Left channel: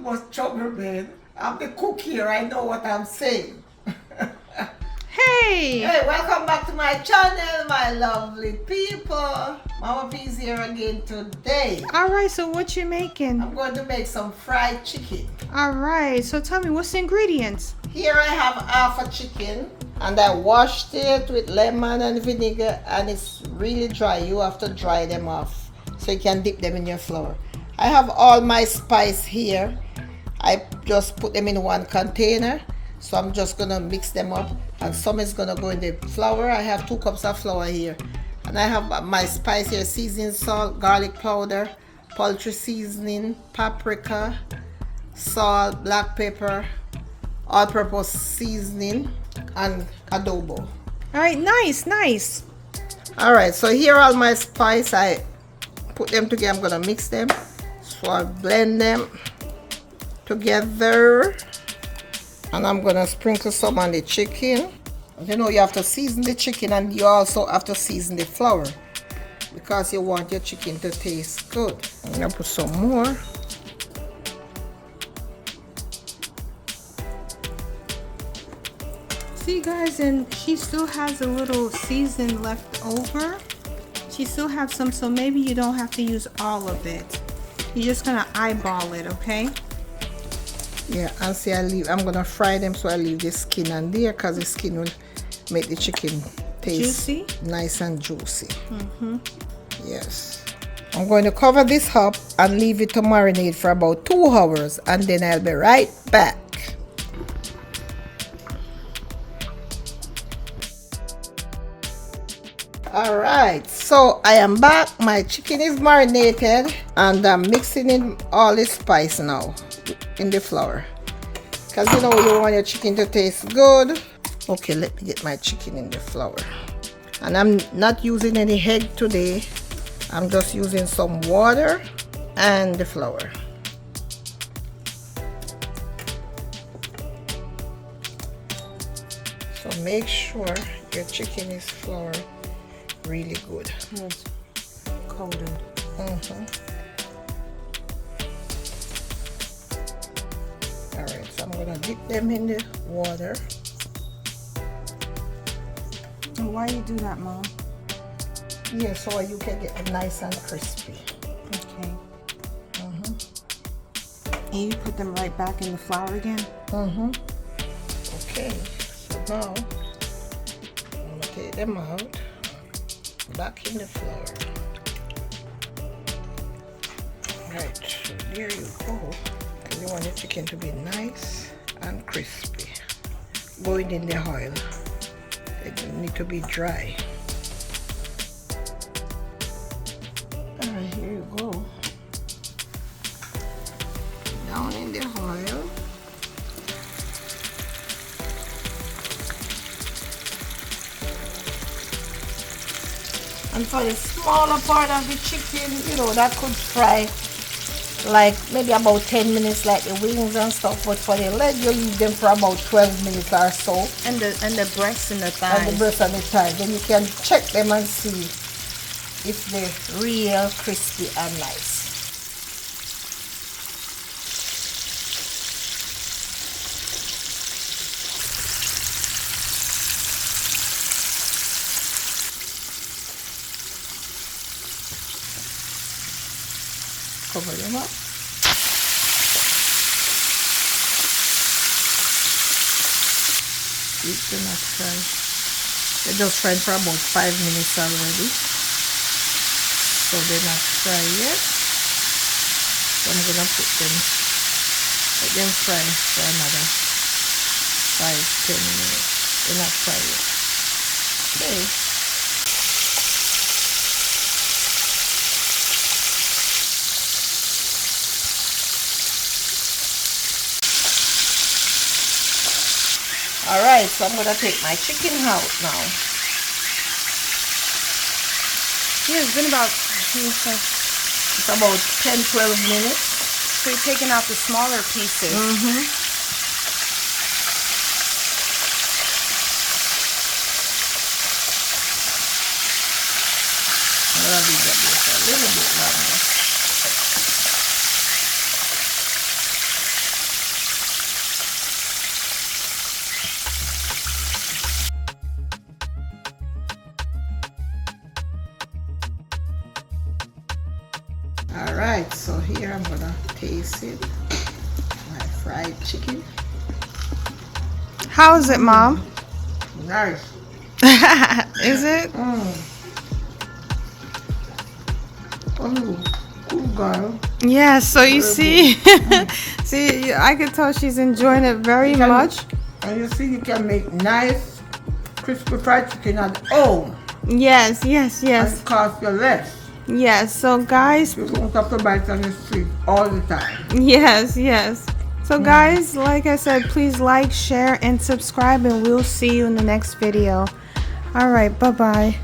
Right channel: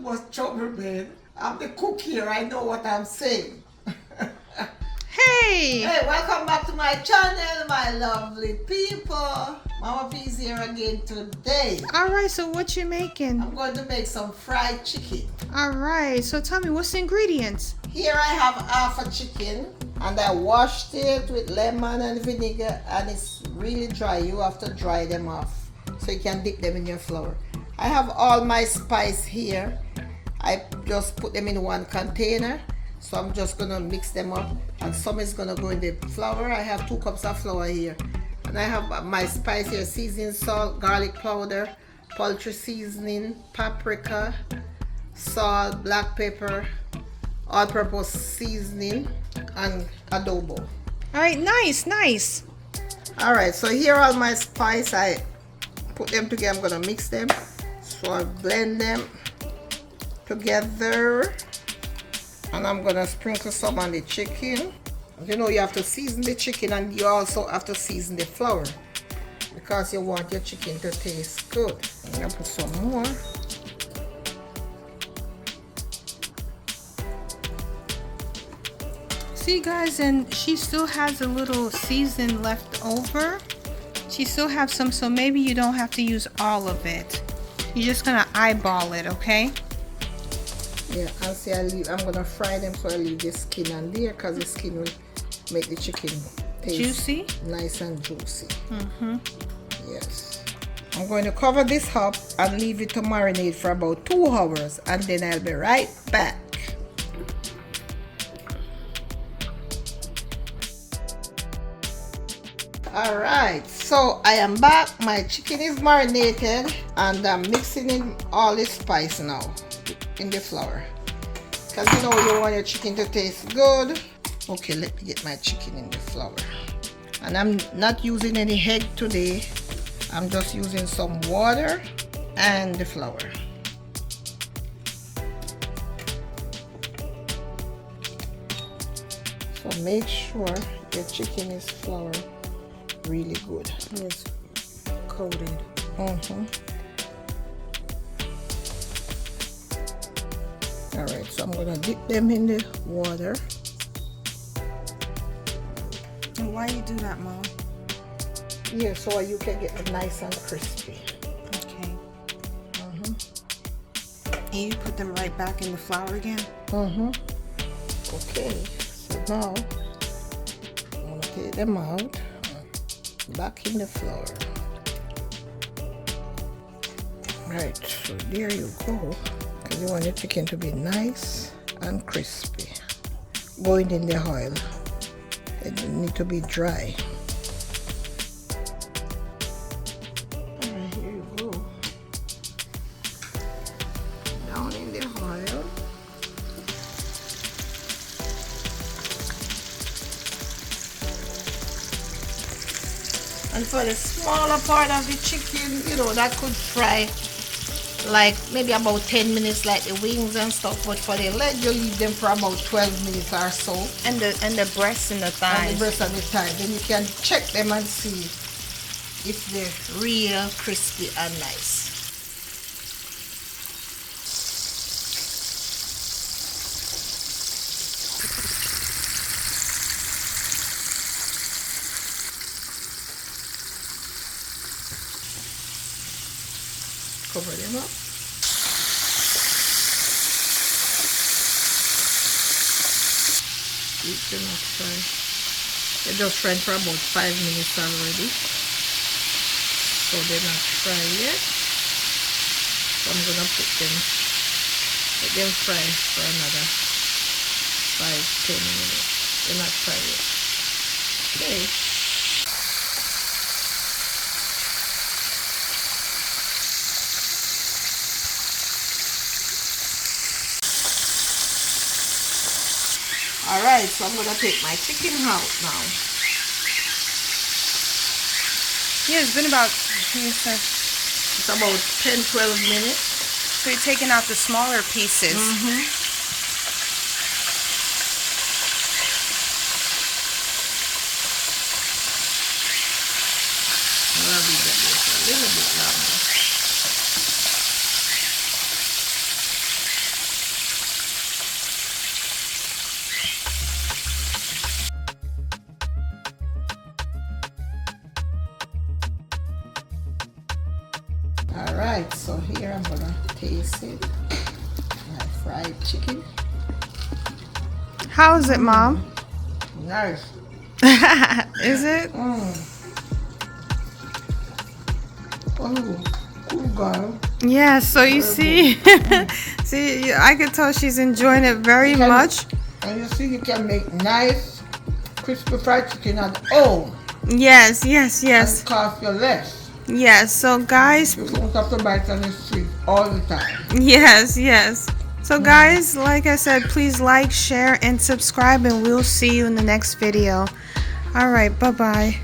too much trouble, man. I'm the cook here. I know what I'm saying. Hey! Hey, welcome back to my channel, my lovely people. Mama P's here again today. Alright, so what you making? I'm going to make some fried chicken. Alright, so tell me, what's the ingredients? Here I have half a chicken and I washed it with lemon and vinegar, and it's really dry. You have to dry them off so you can dip them in your flour. I have all my spice here. I just put them in one container. So I'm just gonna mix them up, and some is gonna go in the flour. I have 2 cups of flour here, and I have my spice here: seasoning salt, garlic powder, poultry seasoning, paprika, salt, black pepper, all-purpose seasoning, and adobe. Alright, nice. Alright, so here are all my spice. I put them together. I'm gonna mix them. So I blend them together. And I'm gonna sprinkle some on the chicken. You know, you have to season the chicken, and you also have to season the flour because you want your chicken to taste good. I'm gonna put some more. See guys, and she still has a little season left over. She still have some, so maybe you don't have to use all of it. You're just gonna eyeball it, okay? Yeah, and see, I'm gonna fry them, so I leave the skin on there because the skin will make the chicken taste juicy, nice and juicy. Yes. I'm going to cover this up and leave it to marinate for about 2 hours, and then I'll be right back. Alright, so I am back. My chicken is marinated, and I'm mixing in all the spice now in the flour, because you know you want your chicken to taste good. Okay, let me get my chicken in the flour, and I'm not using any egg today. I'm just using some water and the flour. So make sure your chicken is flour really good. it's coated. Alright, so I'm gonna dip them in the water. And why you do that, Mom? Yeah, so you can get them nice and crispy. Okay. And you put them right back in the flour again? Okay, so now I'm gonna take them out, back in the flour. Right, so there you go. And you want the chicken to be nice and crispy. Going in the oil. It need to be dry. Alright, here you go. Down in the oil. And for the smaller part of the chicken, you know, that could fry like maybe about 10 minutes, like the wings and stuff. But for the leg, you leave them for about 12 minutes or so. And the breasts and the thighs. And the breast and the thigh. Then you can check them and see if they're real crispy and nice. Cover them up. Keep them up fry. They're just fried for about 5 minutes already. So they're not fry yet. So I'm gonna put them, let them fry for another 5-10 minutes. They're not fry yet. Okay. Alright, so I'm gonna take my chicken out now. Yeah, it's been about, It's about 10-12 minutes. so you're taking out the smaller pieces. I'll leave that just a little bit longer. So here I'm gonna taste it. My fried chicken. How is it, Mom? Nice. Is it? Oh, cool girl. Yeah, so you see, see, I can tell she's enjoying it very much. And you see, you can make nice, crispy fried chicken at home. Yes, yes, yes. And it costs you less. Yes, so guys. You don't have to buy it on the street all the time. Yes, yes. So guys, like I said, please like, share, and subscribe, and we'll see you in the next video. All right, bye-bye.